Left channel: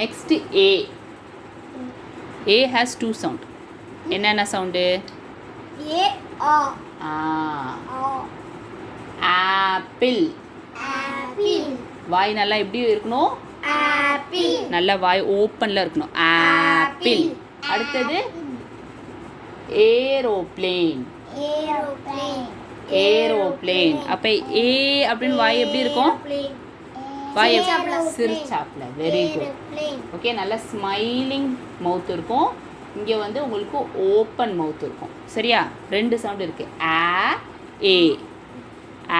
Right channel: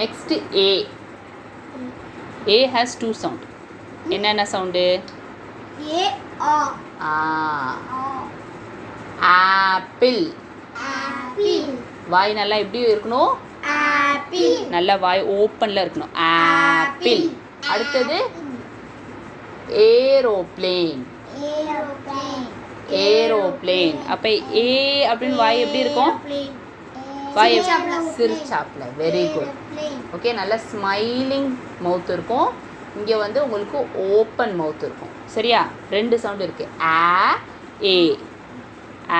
Next A. A has 2 sound. என்னென்ன sound? ஏ ஆ apple. Apple. வாய் நல்லா எப்படி இருக்கணும்? ஆப்பிள். நல்லா வாய் ஓப்பன்ல இருக்கணும். ஆப்பிள். அடுத்தது ஏரோப்ளேன். ஏரோப்ளேன். ஏரோப்ளேன். அப்ப ஏ அப்படின்னு வாய் எப்படி இருக்கும்? வாய் சிரிச்சாப்ல. Very good. ஓகே, நல்ல ஸ்மைலிங் மவுத் இருக்கும். இங்கே வந்து உங்களுக்கு ஓப்பன் மவுத் இருக்கும். சரியா? 2 சவுண்ட் இருக்கு. ஆ ஏ.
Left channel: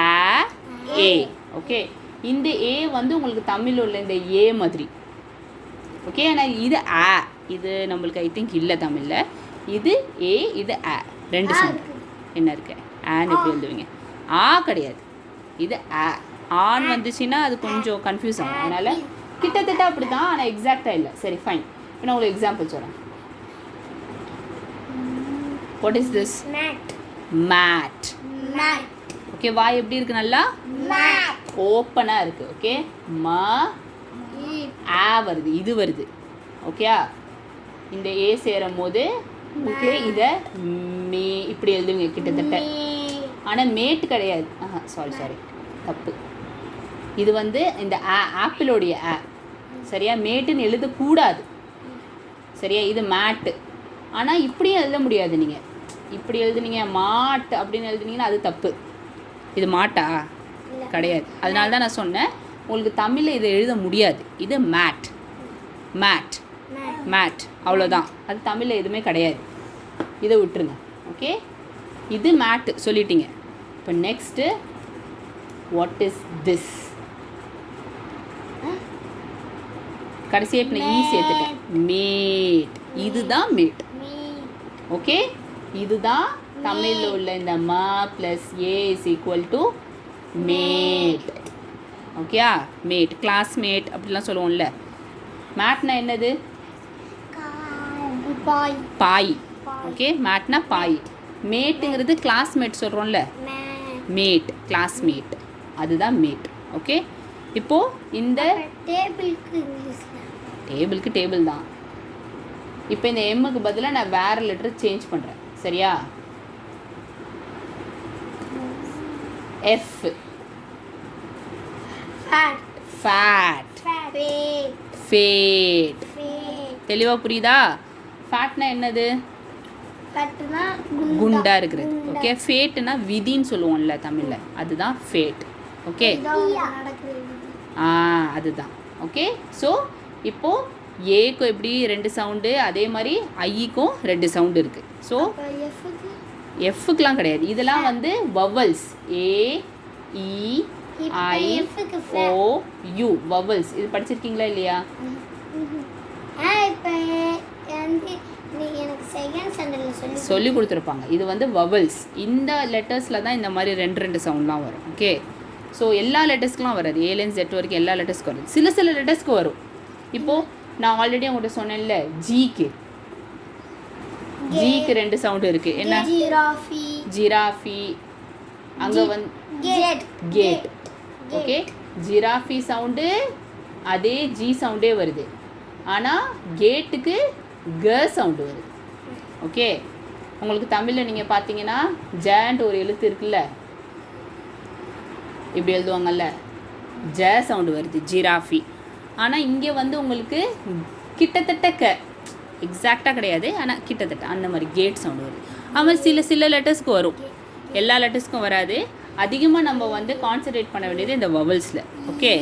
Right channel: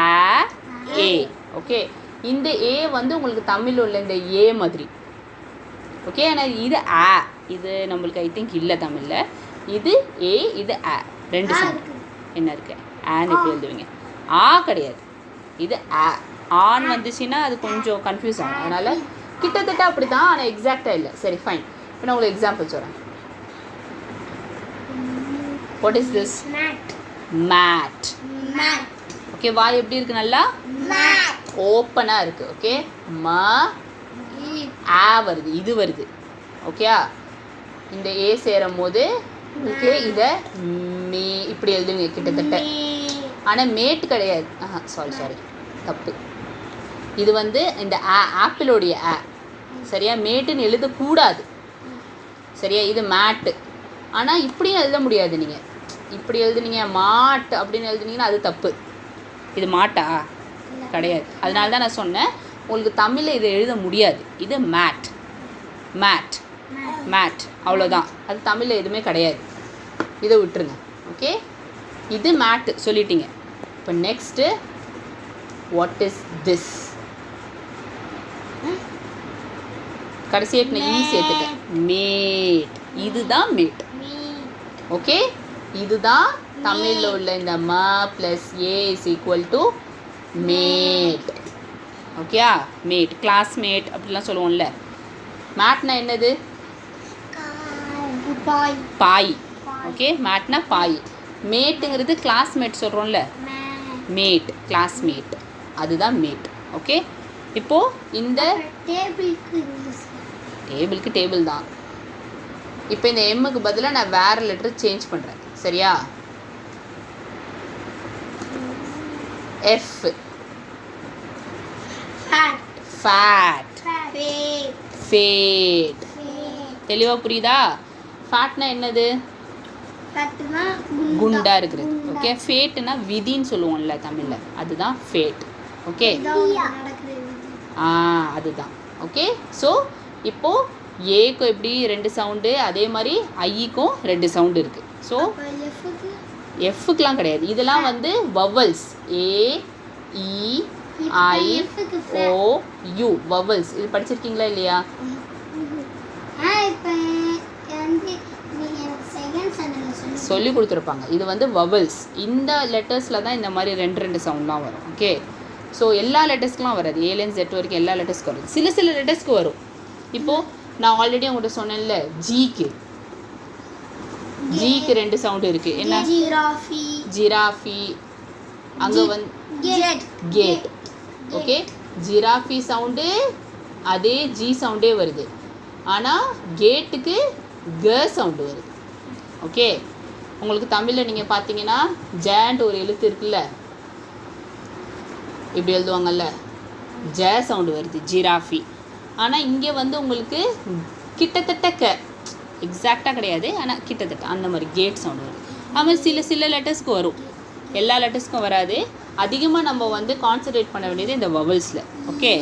ஆ ஏ. ஓகே, இந்த ஏ வந்து உங்களுக்கு தமிழ் உள்ள இந்த ஏ மாதிரி. ஓகே, ஆனால் இது ஆ, இது நம்மளுக்கு ஐ திங்க் இல்லை தமிழில். இது ஏ, இது ஆ, 2 சவுண்ட். என்ன இருக்கு? ஆன்னு எப்படி எழுதுவீங்க? ஆ கிடையாது, இது ஆ. ஆன் வந்துச்சுன்னா அது கொஞ்சம் கன்ஃபியூஸ் ஆகும். அதனால் கிட்டத்தட்ட அப்படி தான், ஆனால் எக்ஸாக்டாக இல்லை. சரி, ஃபைன். இப்போ நான் உங்களுக்கு எக்ஸாம்பிள் சொல்கிறேன். What is this? Mat. Okay, வாய் எப்படி இருக்கு? நல்லா ஓப்பனாக இருக்குது. ஓகே, ம ஆ வருது, இது வருது. ஓகேயா? இந்த ஏ சேரும் போது ஓகே, இதை மே இப்படி எழுதுவீங்க கிட்டத்தட்ட. ஆனால் மேட் கிடையாது. சாரி, தப்பு. இது வந்து இந்த ஆப்பிளோடைய ஆ. சரியா? மேட்டுன்னு எழுதக்கூடாது. சரியா? இது மேட்டு. ஆனால் இப்படியும் எழுத முடியாது. நீங்கள் இப்படி எழுதுனீங்க மாட் அப்படின்னு எழுதுனீங்கன்னா அது தப்பு. இது மாட்டா கிடையாது. அதனால தான் நான் சொன்னேன் உங்களுக்கு தமிழில் இதை எழுத முடியாது. இது மேட். மேட் மேட் அவ்வளோதான். அது தமிழில் எதுவுமே கிடையாது. இதை விட்டுருங்க. ஓகே, இது மேட்டு சொல்லிட்டீங்க. இப்போ நெக்ஸ்ட்டு வாட் இஸ் திஸ்? கடைசியாக நான் ஈ சேர்த்துட்டேன். மேட். இதுதான் மேட். ஓகே, இதுதான் தமிழில் உள்ள இந்த ம plus A is equal to mate. ஓகேயா? மேட், கிளாஸ்மேட் அப்படிலாம் சொல்லுவோம்ல. மேட்னா என்னது? பாய். ஓகே, மேட்னா பாய். மேட்டுங்கிறது கிளாஸ்மேட் சொல்கிறோம்ல, மேட், கிளாஸ்மேட், அதுதான் மேட். ஓகே, இப்போது இந்த டேபிளுக்கு டேபிள் தான். இப்போ இந்த எம்முக்கு பதிலாக நான் வேறு லெட்டர் சேஞ்ச் பண்ணுறேன். சரியா? எஃப். ஃபேட். ஃபேட். தெளிவாக புரியுதா? ஃபேட்னா என்னது? குண்டா இருக்கிறது. ஓகே, ஃபேட்னா விதின்னு சொல்லுவோம்ல தமிழில், அதுதான் ஃபேட். ஓகே, அதுதான். ஓகே, ஸோ இப்போது ஏக்கும் எப்படி 2 சவுண்டு, அதே மாதிரி ஐக்கும் 2 சவுண்டு இருக்குது. ஸோ எஃப்க்குலாம் கிடையாது. இதெல்லாம் வந்து vowels. A E I O U vowels. இது படிச்சிருக்கீங்களா இல்லையா? சொல்லி கொடுத்துருப்பாங்க. இது வந்து வவல்ஸ். இந்த லெட்டர்ஸில் தான் இந்த மாதிரி 2 சவுண்ட்லாம் வரும். ஓகே, ஸோ எல்லா லெட்டர்ஸ்க்குலாம் வராது. ஏலேருந்து ஜெட் வரைக்கும் எல்லா லெட்டர்ஸ்க்கும் வரும். சில லெட்டர்ஸ்க்கு வரும். இப்போது நான் ஆல்ரெடி உங்கள்கிட்ட சொன்னேன்ல, ஜிக்கு 2 சவுண்டு இருக்குது. என்ன? ஜிராஃபி. அங்கே வந்து கேட். ஓகே, ஜிராஃபி சவுண்டு அதே ஜி சவுண்டே வருது. ஆனால் கேட்டுக்கு க சவுண்டு வருது. ஓகே, உங்களுக்கு தமிழில் நீங்கள் பார்த்தீங்கன்னா ஜேன்ட்டு ஒரு எழுத்து இருக்குல்ல, இப்படி எழுதுவாங்கல்ல, ஜ சவுண்டு வருது, ஜிராஃபி. ஆனால் இங்கே வந்து உங்களுக்கு கிட்டத்தட்ட எக்ஸாக்டாக கிடையாது, ஆனால் கிட்டத்தட்ட அந்த மாதிரி கேட் சவுண்டு வருது. அது சில லெட்டர்ஸ்க்கு வரும், எல்லா லெட்டர்ஸ்க்கும் வராது. அதிகமாக நம்ம வந்து கான்சன்ட்ரேட் பண்ண வேண்டியது இந்த வவல்ஸில். ஓகே.